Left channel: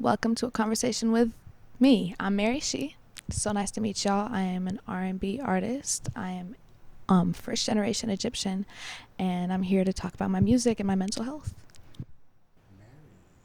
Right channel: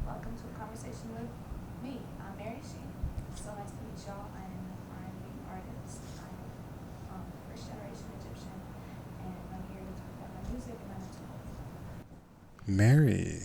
Welcome to a conversation with me. I'm Mary She. So nice to meet y'all. I am an R&B artist. I am first generation Egyptian, and I'm here to talk about my music and my mental health. Mary,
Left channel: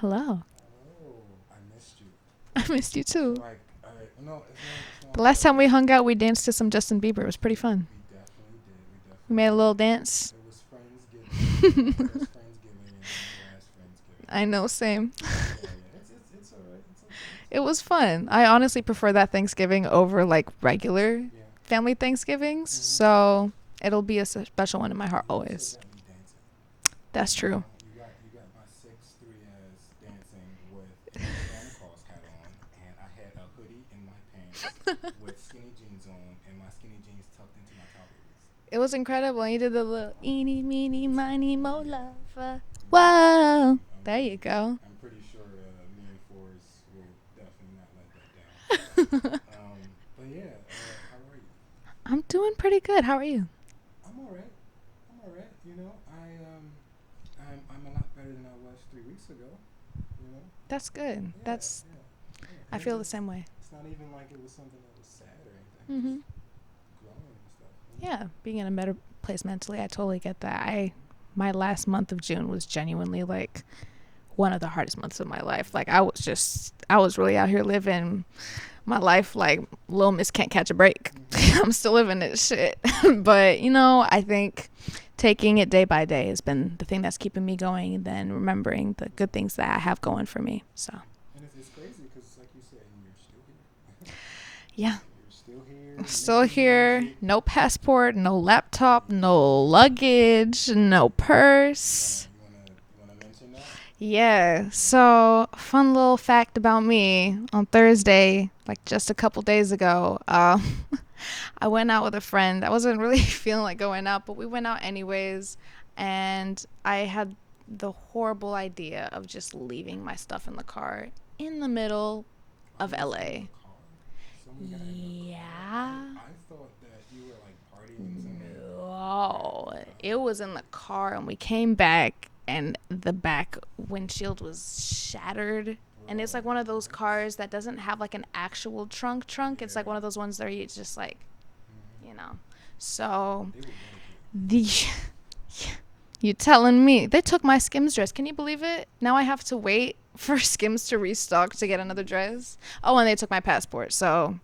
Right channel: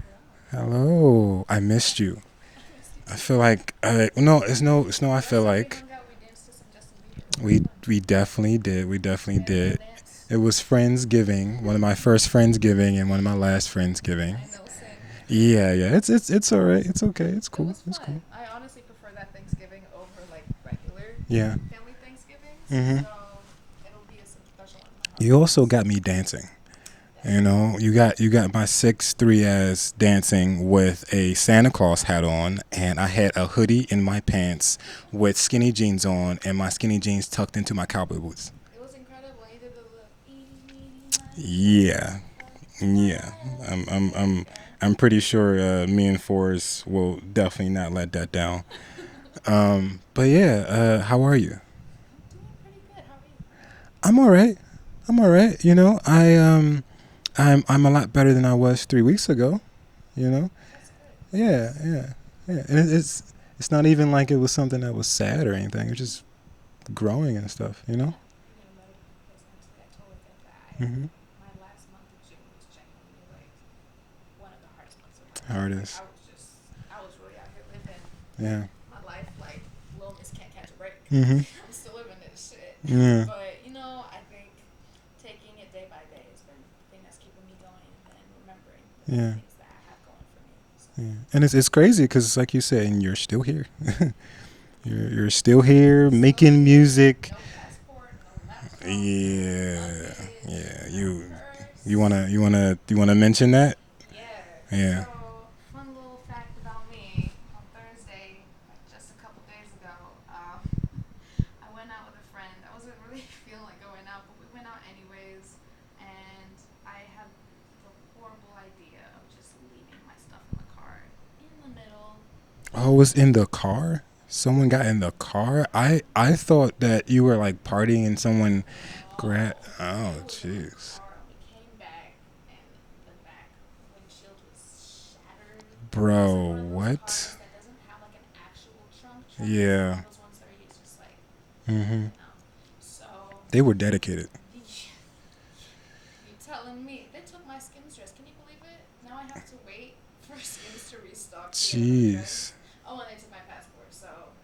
Hello. hello. I missed you. I missed you I too. feel like no, it's no, it's no. The I last feel time we like hung out, we danced to some Justin Bieber. It was pretty fun. we definitely did. We We definitely made a little did. dance. It was Friendsgiving, one of my first Friendsgiving and one of my last Friendsgiving. I know, same. Yeah. It's all right. It's okay. It's It cool. was It's cool. fun. I honestly prefer that Thanksgiving over like regular Yeah. family Thanksgivings. Mhm. So it'll be a special one in my heart. You also always. got me dancing. That's you true. know, you got my 6'3" ass dancing with a Santa Claus hat on, and I had a hoodie in my pants with skinny jeans on, and my skinny jeans tucked into my cowboy boots. It was incredible. You did the little eeny, meeny, miny, Yeah. Whoa. Yeah, There you go. I'm pretty sure me and Forrest will definitely not let that down. But yeah, how are you? I'm doing pretty good. How are you? I'm all right. I'm all right. I'm a lot better than I was 3 weeks ago. You know. That's good. Yeah, That's, yeah, yeah. I And feel the same way. it's not even like it was something that was sad or anything. It's Mhm. just growing and stuff. You know. Yeah, being in a better place mentally, I totally get that. Mm-hmm. My last month of June was genuinely like one of the hardest months of my life. Like Hardest. I was really out here living Yeah. my life like Lil Miss can't catch a break. Mm-hmm. I'm still living this shit. Yeah. But, I think taking it day by day has been the thing that's keeping me going, and then remembering the Yeah. good things that I have going for me. So, Yeah. And it's crazy because, like you said, and you're still here. yeah. You're still here I'm still making here. music. No passport, no laptop, no Yeah. luggage, Yeah. no purse. You wanna mention that? Yeah. Yeah. So, fun little fact about me. On Thursday, like just a couple days ago, I went out with a friend. I wasn't really feeling like going out, but we went out anyways. And I had the horrible idea of just leaving my stuff in the car in the middle I of was in LA. the car. Someone got in the car. Yeah. I thought that you were like partying and someone. Oh, it was in the jeez. car, and we came back, and the back windshield was shattered. Bro, And it's like one of those what? cars that doesn't have like an actual trunk. It's like Yeah. one of those ones that you just like, Mm-hmm. So They were dedicated. you telling me they took my Skims dress? Can you believe it? Now I have to wait for Skims to restock to get another Jeez. dress. Oh, and they took my passport. So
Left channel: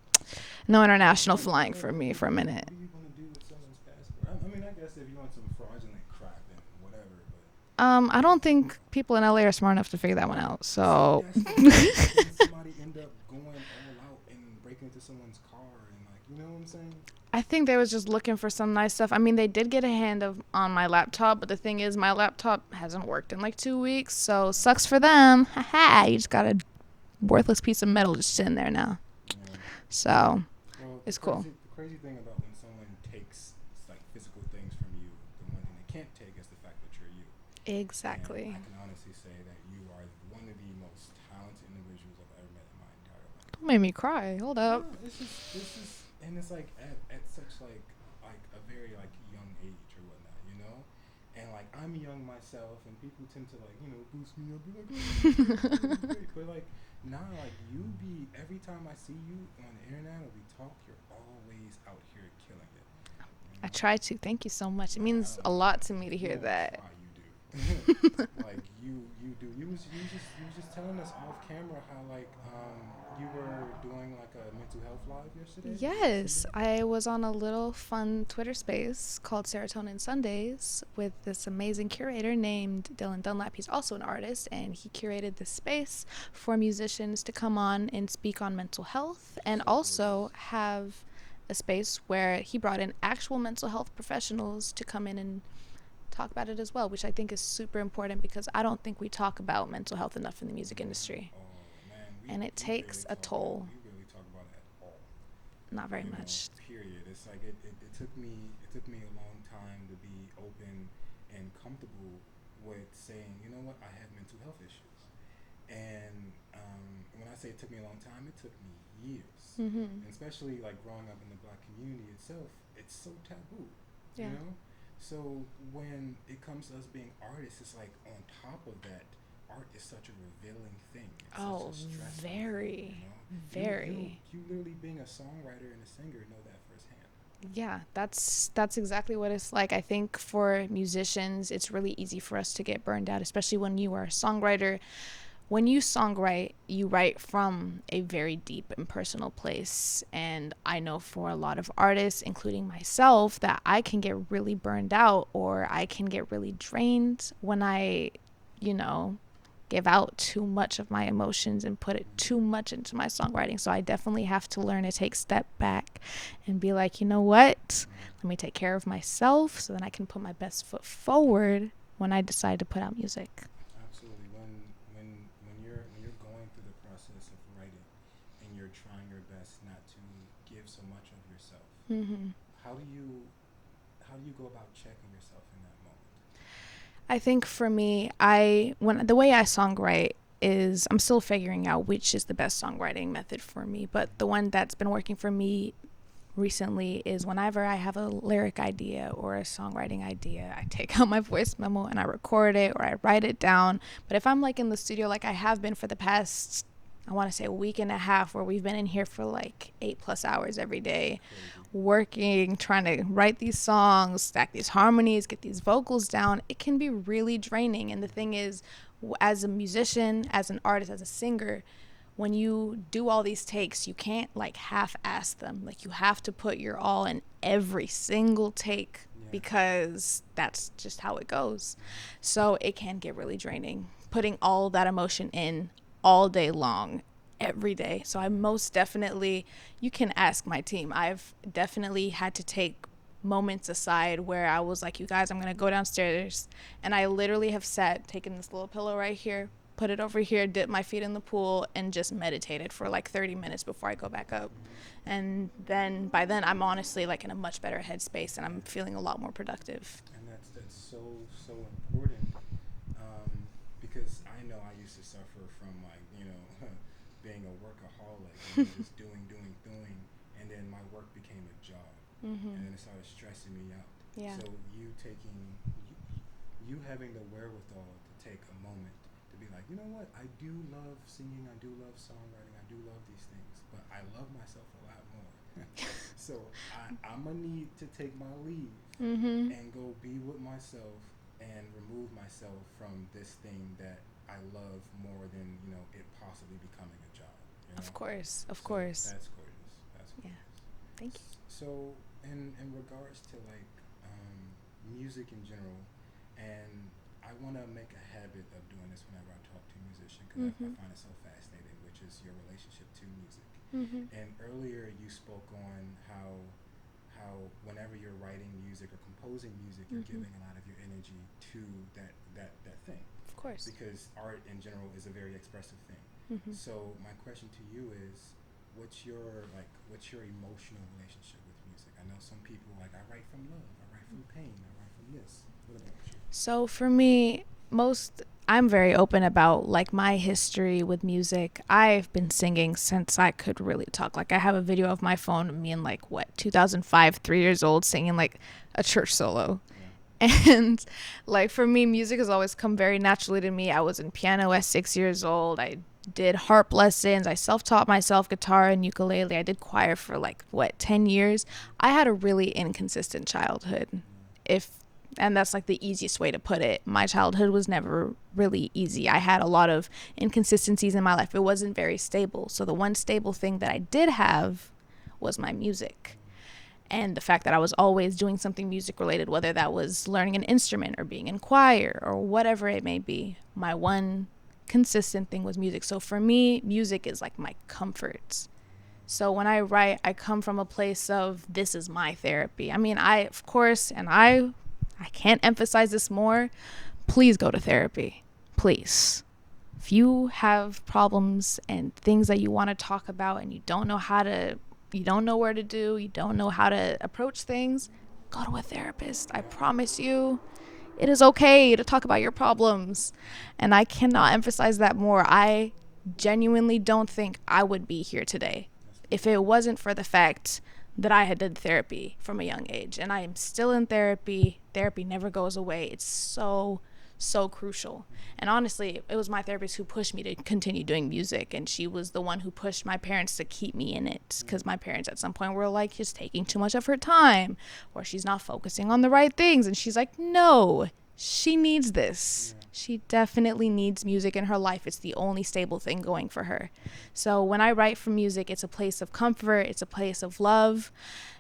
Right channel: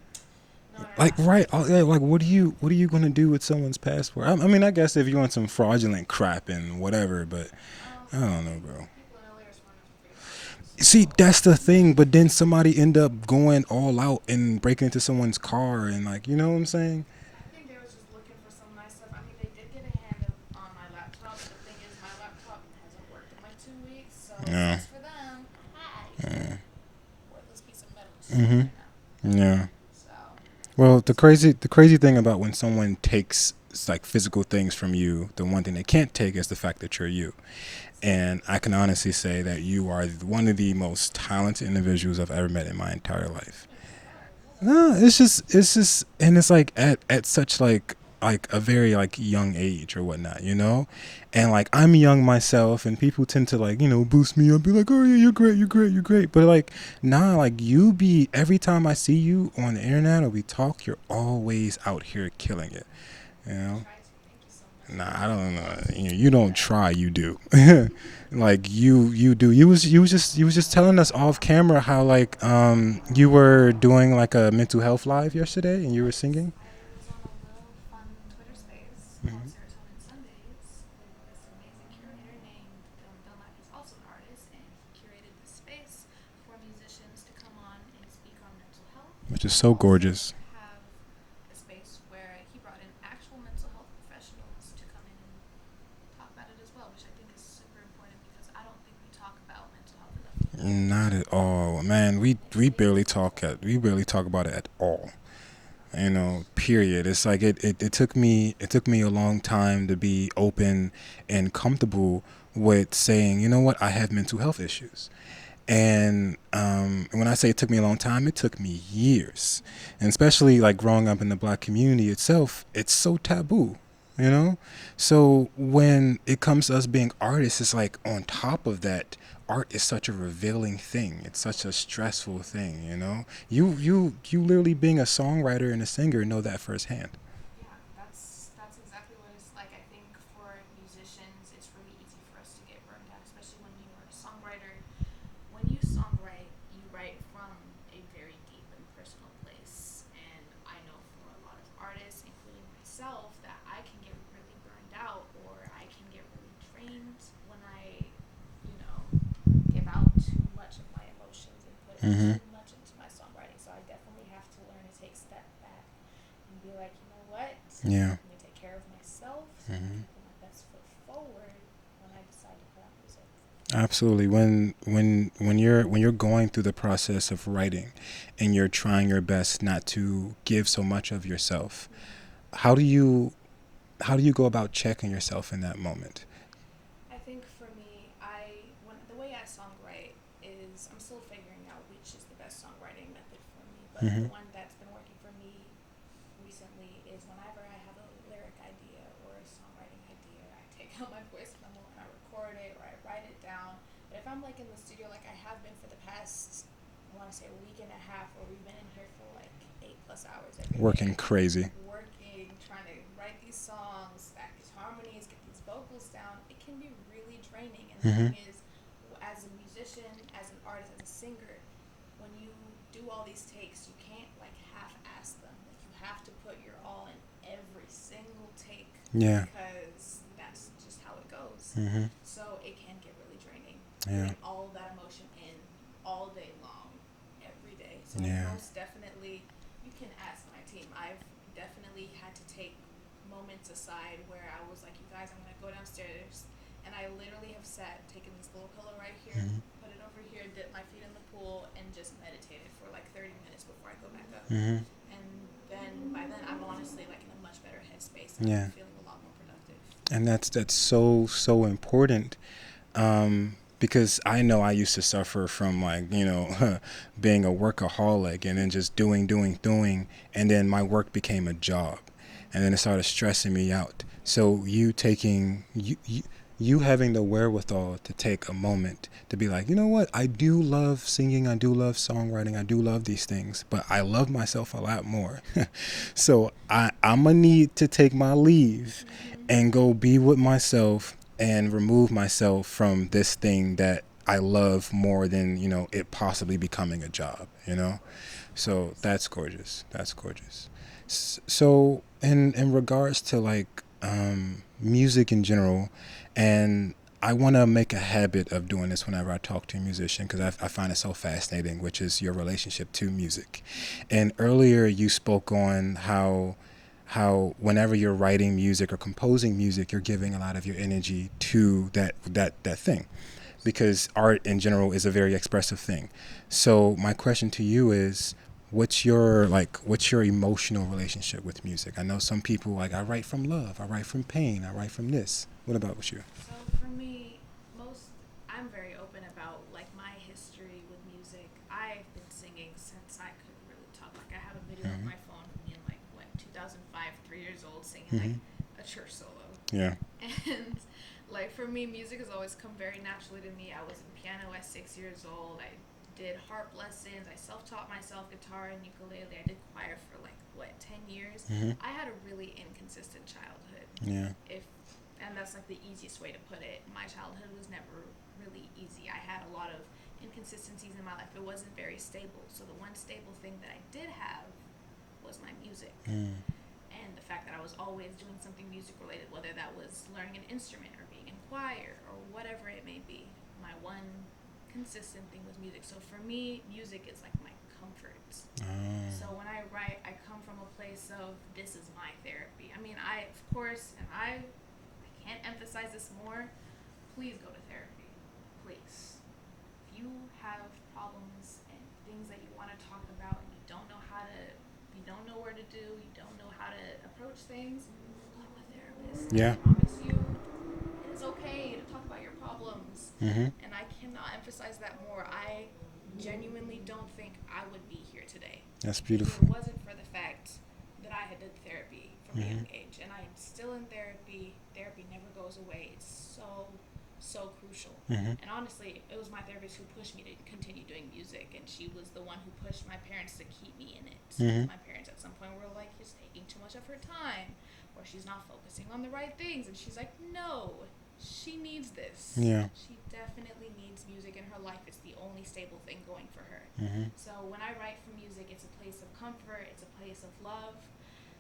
no international flying for me for a minute. What are you gonna do with someone's passport? I mean, I guess if you want some fraudulent crap and whatever, but I don't don't know, think bro. people in LA are smart enough to figure that one out. So see, that's the thing. But then somebody end up going all out and breaking into someone's car and like, you know what I'm saying? I think they was just looking for some nice stuff. I mean, they did get a hand on my laptop, but the thing is, my laptop hasn't worked in like 2 weeks, so Yeah. sucks for them. Haha, you just got Yeah. a worthless piece of metal just sitting Mhm. there now. Yeah. So Well, It's cool. the crazy thing about when someone takes like physical things from you, the one thing they can't take is the fact that you're you. And I can honestly say that you are one of the most talented individuals I've ever met in my entire life. made me cry. Hold up. No, it's just, and it's like at such like a very like young age or whatnot, you know, and like I'm young myself, and people tend to like boost me up, be like, oh yeah, you're great, you're great, you're great, but like nah, like you be every time I see you on the internet or we talk, you're always out here killing it. You know? I try to. Thank you so much. It Nah, means I don't a know. lot to me. to You hear don't that. try, you do. Like you do. You was just telling us off camera how like you were doing like a mental health live yesterday and you were Yes, singing. I was on a little fun Twitter space called Serotonin Sundays with this amazing curator named Dylan Dunlap. He's also an artist, and he curated this space for musicians to come on and speak on mental health, Which is and so also gorgeous. have a space where he brought in actual mental health professionals to come in and talk about it as well, which I think is super important because I don't think we talk about mental health enough in the music Not industry. at all, man. We And it we takes barely a talk toll. we barely talk about it at all. Not very much. Period. It's like it took me a long time to be open and comfortable with saying, you know what, I have mental health issues. And when I say it took me a long time, it took me years. Mhm. And especially like growing up in the black community itself, it's so taboo, you know? So when it comes to us being artists, it's like on top of that, art is such a revealing thing. It's such Oh, a stressful thing, very, You literally being a songwriter and a singer know that firsthand. yeah, that's exactly what it's like. I think for musicians, it's really easy for us to get burned out, especially when you are a songwriter. When you songwrite, you write from a very deep and personal place. And I know for a lot of artists, including myself, that I can get really burned out or I can get really drained when I, you know, give out too much of my emotions and put it Mm-hmm. too much into my songwriting. So I definitely have to learn to take a step back and be like, you know what? Yeah. Let me take care of myself so then I Mm-hmm. can put my best foot forward when I decide to put out music. Absolutely. When you're going through the process of writing, and you're trying your best not to give so much of yourself, Mm-hmm. how do you how do you go about checking yourself in that moment? I think for me, when the way I songwrite is I'm still figuring out which is the best songwriting method for me, but Mm-hmm. the one that's been working for me recently is whenever I have a lyric idea or a songwriting idea, I take out my voice memo and I record it or I write it down. But if I'm like in the studio, like I have been for the past, I want to say a week and a half, where we've been in here for like 8+ hours every Working day, crazy. working, trying to write these songs, stack these harmonies, get these vocals down, it can be really draining. And the Mm-hmm. thing is, as a musician, as an artist, as a singer, when you do all these takes, you can't like half-ass them. Like you have to put your all in every single take Yeah. because that's just how it goes. Mm-hmm. So it can get really draining, Yeah. putting all that emotion in all day long, every day. So I Yeah. most definitely, you can ask my team. I've definitely had to take moments aside where I was like, you guys, I'm gonna go downstairs, and I literally have sat, taken this little pillow right here, Mm-hmm. put it over here, dipped my feet in the pool, and just meditated for like 30 minutes before I go back up. Mm-hmm. And then by then I'm honestly like in a much better headspace and I'm Yeah. feeling a lot more productive. And that's so important. Because I know I used to suffer from, like, being a workaholic and then just doing, and then my work became a job, Mm-hmm. and then it started stressing me out. Yeah. So you having the wherewithal to take a moment to be like, you know what, I do love singing, I do love songwriting, I do love these things, but I love myself a lot more. So I'm gonna need to take my leave Mm-hmm. and go be with myself and remove myself from this thing that I love more than, it possibly becoming a job, Of course. Of So course. that's gorgeous. That's gorgeous. So in regards to like music in general, and I want to make a habit of doing this whenever I talk to a musician, because I find it so fascinating, which is your relationship to music. Mm-hmm. And earlier you spoke on how whenever you're writing music or composing music, you're giving a lot of your energy to that thing, Of course. because art in general is a very expressive thing. Mm-hmm. So my question to you is, what's your emotional relationship with music? I know some people, like, I write from love, I write from pain, I write from this. What about with you? So for me, I'm very open about like my history with music. I've been singing since I could really talk. Like I have a video of Mm-hmm. my phone of me in like 2005, 3 years old, singing like Mm-hmm. a church solo. Yeah. And like for me, music has always come very naturally to me. I was in piano at 6 years old. I did harp lessons. I self-taught myself guitar and ukulele. I did choir for like 10 years. Mm-hmm. I had a really inconsistent childhood. Yeah. If And that's like the easiest way to put it. My childhood was never really easy. I had a lot of inconsistencies in my life. It wasn't very stable. So the one stable thing that I did have was my music. Mm. And the fact that I was always doing something music related, whether that was learning an instrument or being in choir or whatever it may be. My one consistent thing was music. So for me, music is like my comfort. So when I write, I come from a place of, this is my therapy. I mean, of course, and I can't emphasize this more, please go to therapy. Please. If you have problems and things that you want to talk about and you don't know where to do, you don't know how to approach things, go to a therapist. Yeah. I promise you, it is okay to talk about your problems. Mm-hmm. And I cannot emphasize that more. I genuinely don't think I would be here today That's if beautiful. it wasn't for the fact that I had did therapy from a young age. And I am still in therapy. Therapy never goes away. It's so, so crucial. And honestly, it was my therapist who pushed me to continue doing music, and she was the one who pushed my parents to keep me in it, because my parents at some point were like, just taking too much of her time, or she's not focusing on the right things. And she's like, no, she needs this. She definitely needs music in her life. It's the only stable thing going for her. So when I write for music, it's a place of comfort, it's a place of love.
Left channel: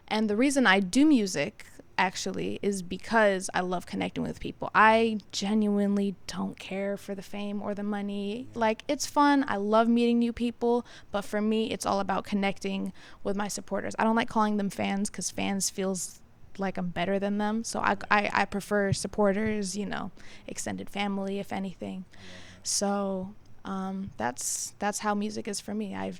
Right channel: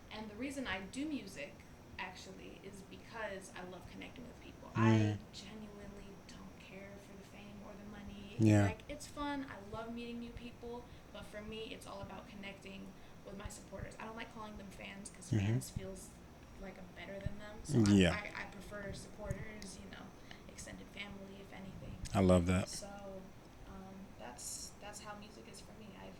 And the reason I do music actually is because I love connecting with people. I genuinely don't care for the fame or the money. Like, it's fun, I love meeting new people, but for me it's all about connecting with my supporters. I don't like calling them fans, because fans feels like I'm better than them. So I prefer supporters, you know, extended family, if anything. I love that. So that's how music is for me. I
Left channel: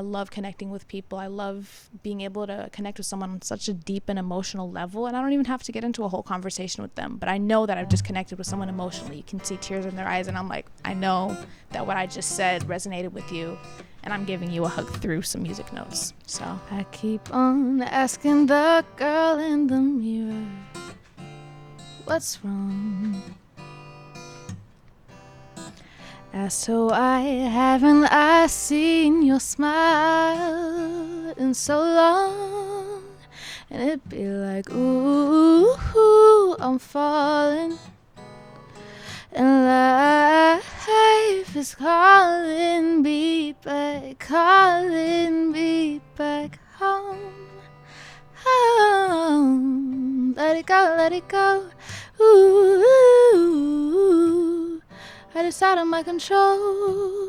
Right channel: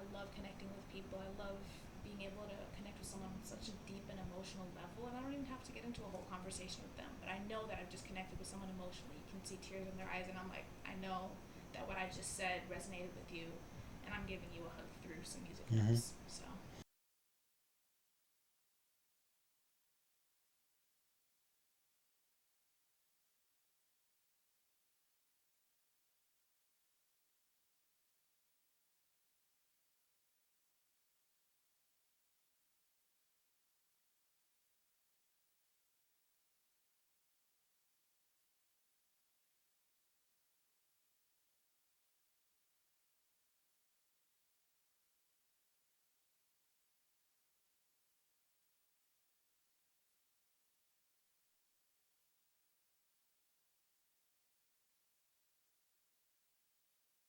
love connecting with people. I love being able to connect with someone on such a deep and emotional level, and I don't even have to get into a whole conversation with them, but I know that I've just connected with someone emotionally. You can see tears in their eyes, and I'm like, I know that what I just said resonated with you, and I'm giving you a hug through some music notes. So I keep on asking the girl in the mirror, what's wrong? As to why haven't I seen your smile in so long? And it'd be like, ooh, I'm falling, and life is calling me back home. Let it go, ooh, right, it's out of my control.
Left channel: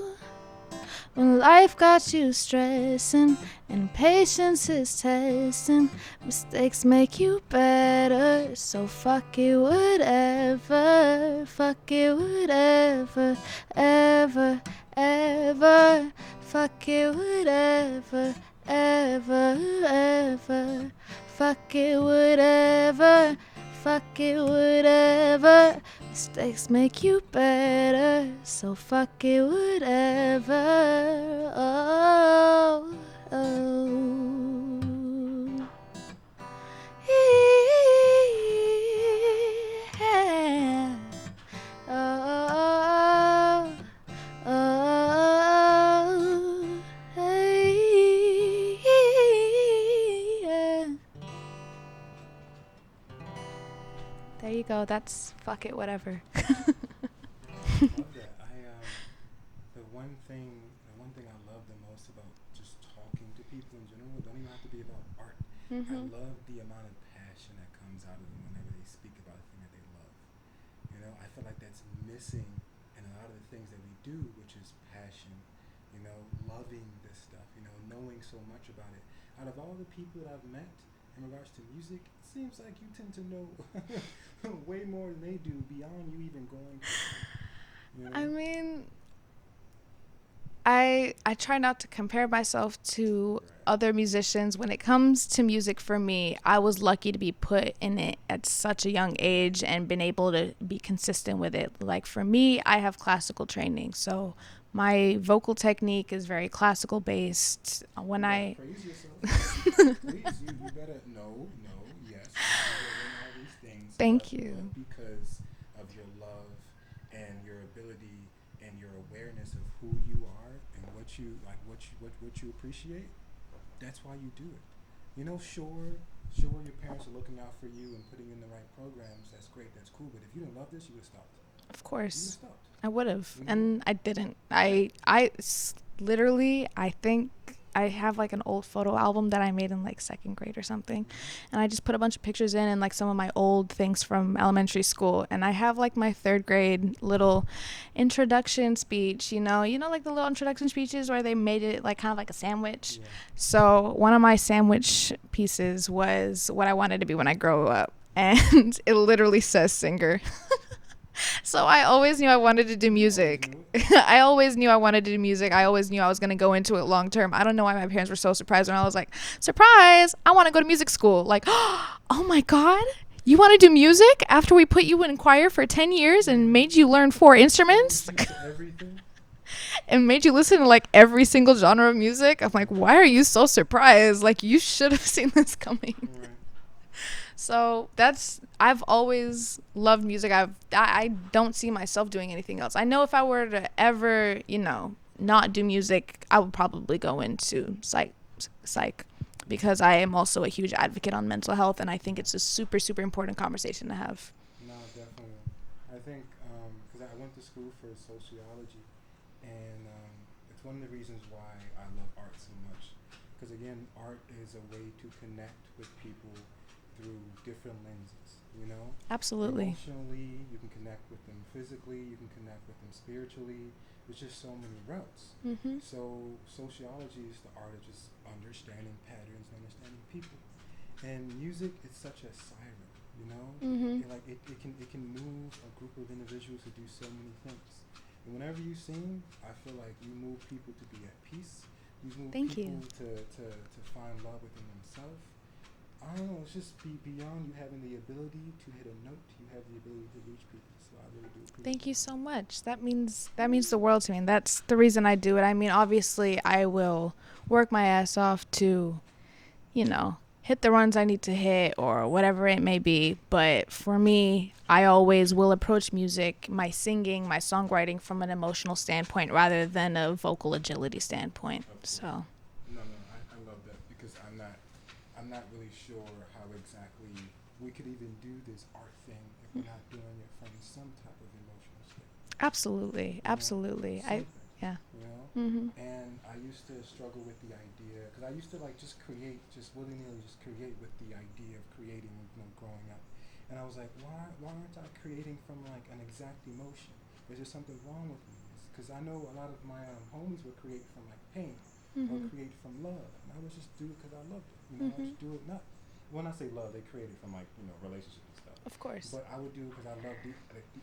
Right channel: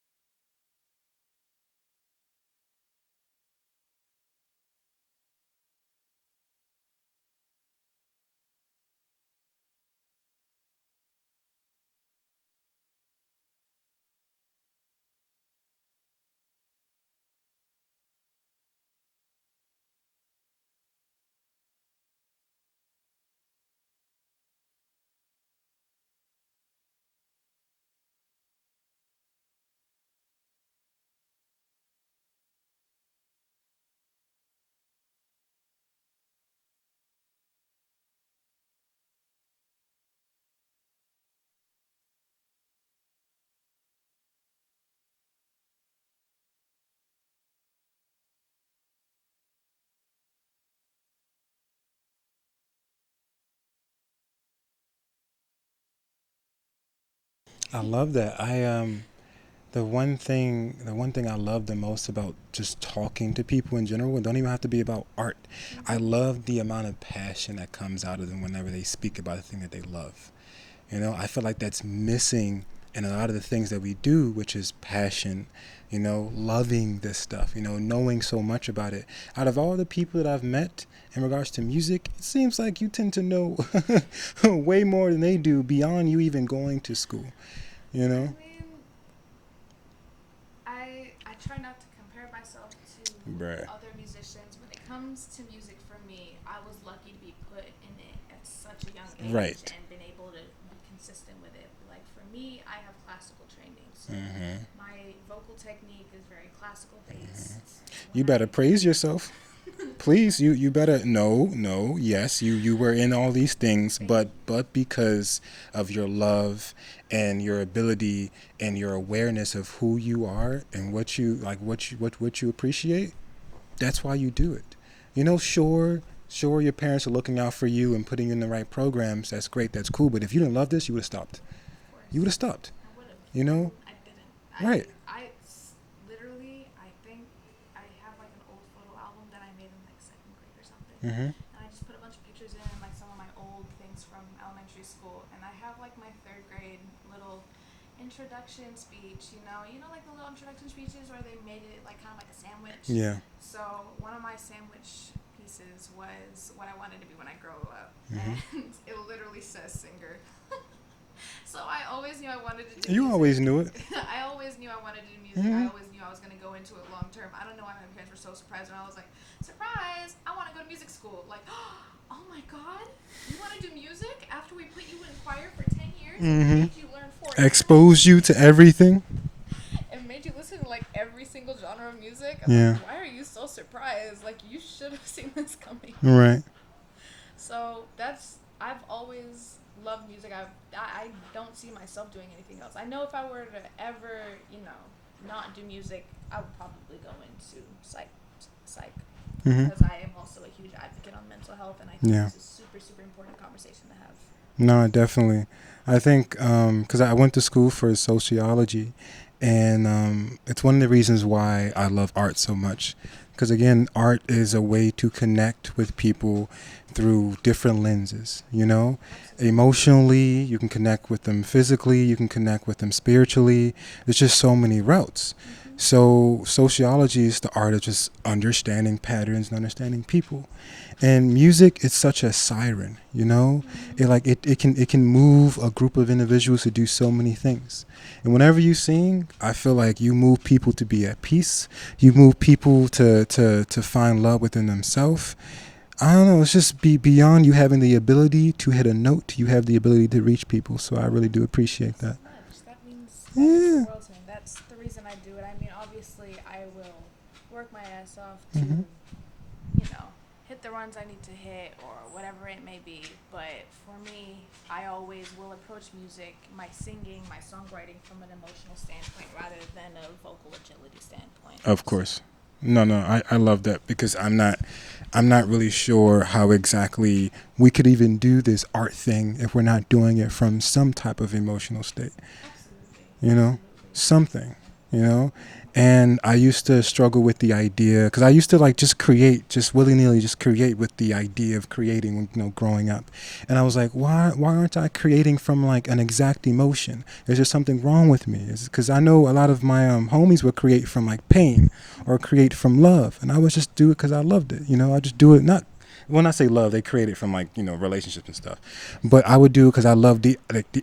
When life got you stressing and patience is testing, mistakes make you better. So fuck it, whatever. Fuck it, whatever. Ever, ever. Fuck it, whatever. Ever, ever. Fuck it, whatever. Fuck it, whatever. Mistakes make you better, so fuck it, whatever. Oh, oh. Yeah. Oh, oh, hey, yeah. There you go. That's fuck it, whatever. I love that. The one thing I love the most about just talking to people in general, it don't even have to be about art. I love the amount of passion that comes out of them whenever they speak about the thing that they love. You know, I feel like that's missing in a lot of the things that we do, which is passion, you know, loving this stuff, you know, knowing so much about it. Out of all the people that I've met in regards to music, it seems like you tend to know way more than they do beyond you even going to school, you know? I mean, I try not to compare myself to other musicians. When it comes to music, for me, I was lucky to be put in it at such a young age and been able to be consistent with it. Like, for me, I have classical training, so my vocal technique is very classical based. You better praise yourself. Please, you better. Yes, you were in all these things, but because of your love and your ability and your awareness of who you are and what you like, what you appreciate, that's why you do it. You know, sure your parents are looking out for you and putting you in the right programs. That's great, that's cool. But if you didn't love this, you would have stopped. Of course. You would have stopped. I would have. You know? And I didn't. Right. I literally, I think I have like an old photo album that I made in like second grade or something, and I just put a bunch of pictures in and like some of my old things from elementary school, and I have like my third grade little introduction speech, you know like the little introduction speeches where they made it like kind of like a sandwich. Yeah. So one of my sandwich pieces was what I wanted to be when I grow up, and it literally says singer. So I always knew I wanted to do music. You always knew it. I always knew I wanted to do music. I always knew I was going to go into it long term. I don't know why my parents were so surprised when I was like, surprise, I want to go to music school. Like, oh my God, you want to do music after we put you in choir for 10 years and made you learn 4 instruments? Exposed you to everything. And made you listen to like every single genre of music. I'm like, why are you so surprised? Like, you should have seen this coming. Right. So I've always loved music. I don't see myself doing anything else. I know if I were to ever, not do music, I would probably go into psych because I am also a huge advocate on mental health, and I think it's a super, super important conversation to have. No, definitely. I think because I went to school for sociology, and it's one of the reasons why I love art so much. Because again, art is a way to connect with people through different lenses, Absolutely. Emotionally, you can connect with them physically, you can connect with them spiritually. There's just so many routes. Mm-hmm. So sociology is the art of just understanding patterns and understanding people. And music is such a siren, Mm-hmm. It can move a group of individuals to do so many things. And whenever you sing, I feel like you move people to be at peace. You move Thank people to find love within themselves. I don't know. It's just beyond you having the ability to hit a note. You have the ability to reach people. So I really do appreciate that. Thank you so much. That means the world to me. That's the reason I do it. I mean, obviously, I will work my ass off to, hit the runs I need to hit or whatever it may be. But for me, I always will approach music, my singing, my songwriting from an emotional standpoint rather than a vocal agility standpoint. Of course. So. No, I love that because I'm not really sure how exactly we could even do this art thing if we're not doing it from some type of emotional state. Absolutely. Absolutely. Something. Yeah. Mm-hmm. And I used to struggle with the idea because I used to just willy-nilly create with the idea of creating, growing up. And I was like, why aren't I creating from an exact emotion? Is there something wrong with me? Because I know a lot of my homies would create from pain or create from love. And I would just do it because I loved it. I just do it when I say love, they create it from relationships and stuff. But I would do it because I love the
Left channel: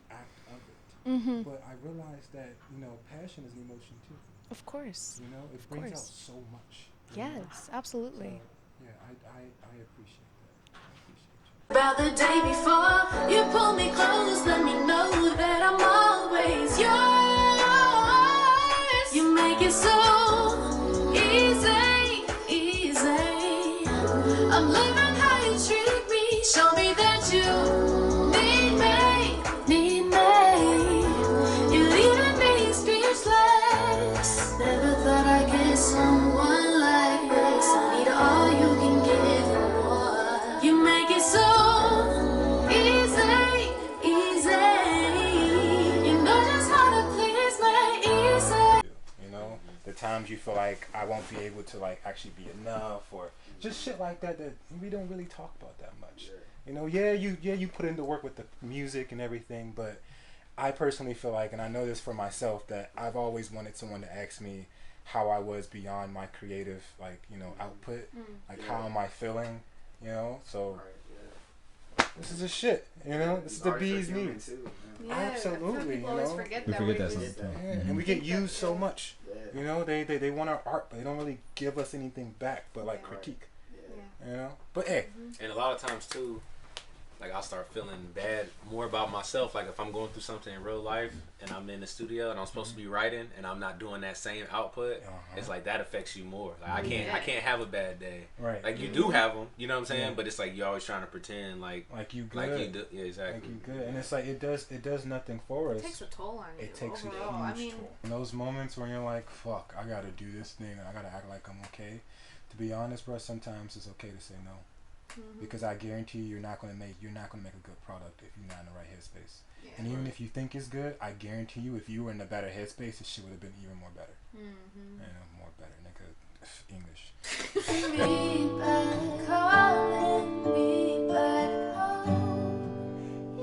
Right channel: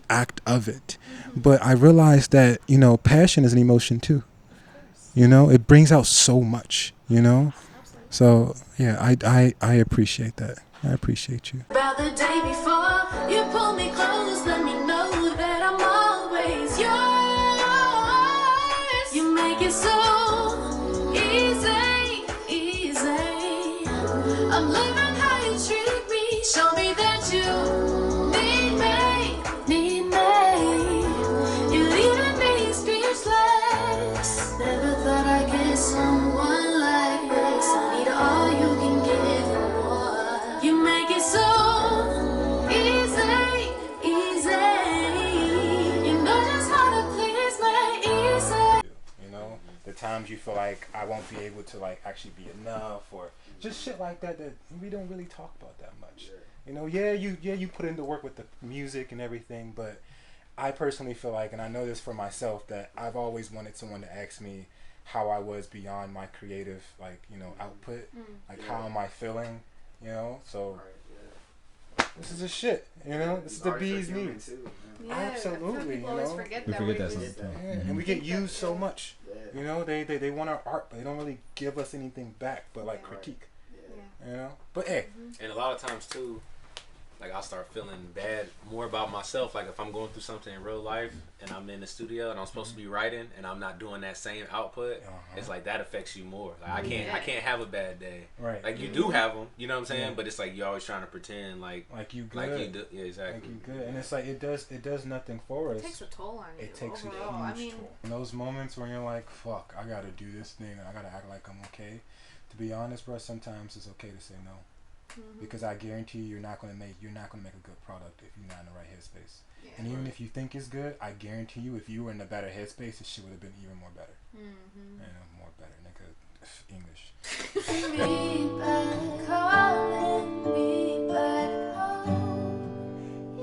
act of it. Mm-hmm. But I realized that passion is an emotion too. Of course. It brings out so much. Yes, absolutely. So yeah, I appreciate that. I appreciate you. About the day before, you pull me close, let me know that I'm always yours. You make it so easy, easy. I'm living how you treat me. Show me that you need me. You're leaving me speechless. Never thought I'd get someone like this. I need all you can give and more. You make it so easy, easy. You know just how to please me, easy. The times you feel like I won't be able to actually be enough or just shit like that we don't really talk about that much. You put in the work with the music and everything, but I personally feel like, and I know this for myself, that I've always wanted someone to ask me how I was beyond my creative output. How am I feeling? So this is a shit. This is the bee's knees. Yeah, Absolutely. People always forget We that. forget that sometimes. Yeah, and we get used so much. They want our art, but they don't really give us anything back but critique. Yeah. But hey. And a lot of times too, I'll start feeling bad more about myself. If I'm going through something in real life and I'm in the studio and I'm supposed to be writing and I'm not doing that same output, it's that affects you more. I can't have a bad day. Right. You do have them, you know what I'm saying? But it's you're always trying to pretend like you good. Like you do. Yeah, exactly. Like you good. And it's it does nothing for us. It takes a toll on you. It takes overall. a huge toll. In those moments when you're like, fuck, I gotta do this thing, I gotta act like I'm okay. To be honest, bro, sometimes it's okay to say no. Because I guarantee you're not gonna make a good product if you're not in the right headspace. Yeah. And even if you think it's good, I guarantee you, if you were in a better headspace, this shit would have been even more better. More better, nigga. English. Me back, calling me back home.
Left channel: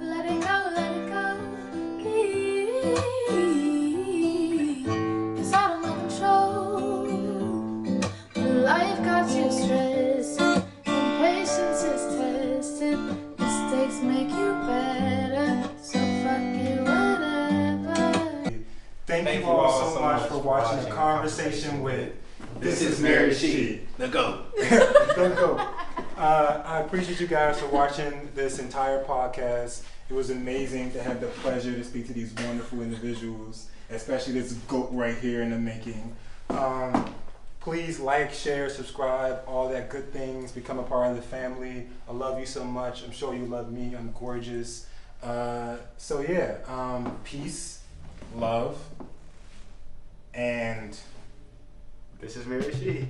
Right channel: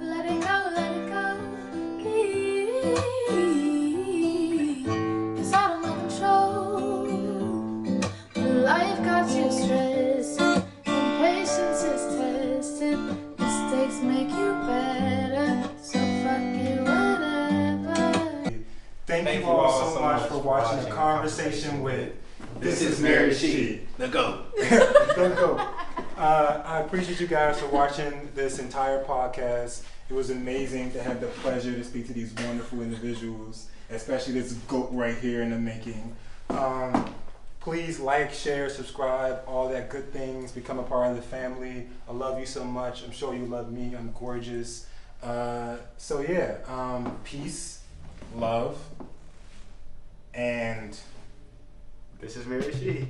Let it go, let it go. It's out of my control. Life got you stressed. Impatience is tested. Mistakes make you better. So fuck it, whatever. Thank you all so much for watching the conversation with This is Mary She. The go. The go. I appreciate you guys for watching this entire podcast. It was amazing to have the pleasure to speak to these wonderful individuals, especially this goat right here in the making. Please like, share, subscribe, all that good things. Become a part of the family. I love you so much. I'm sure you love me. I'm gorgeous. So yeah, peace, love, and This is Mary She.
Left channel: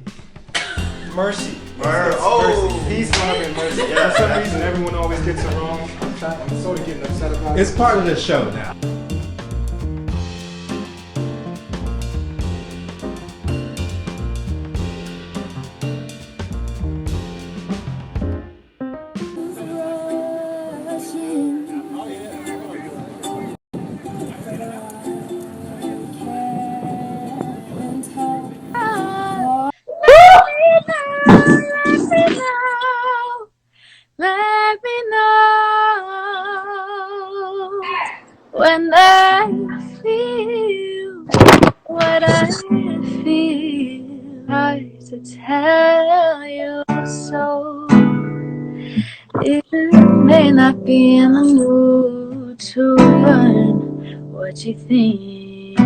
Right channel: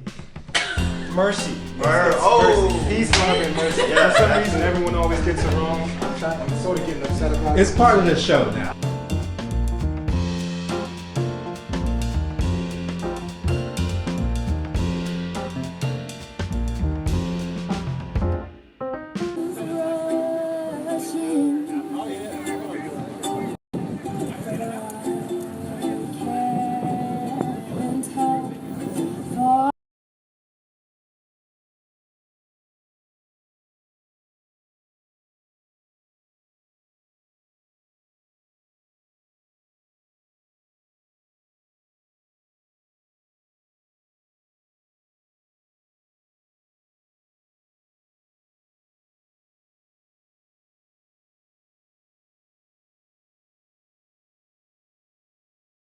mercy. Oh. Mercy. Peace, love, and mercy. Yeah. For some reason, everyone always gets it wrong. I'm sort of getting upset about it. It's part of the show now. Let me know when I feel what I feel. Hard to tell you so. You may not be in the mood to learn what you think.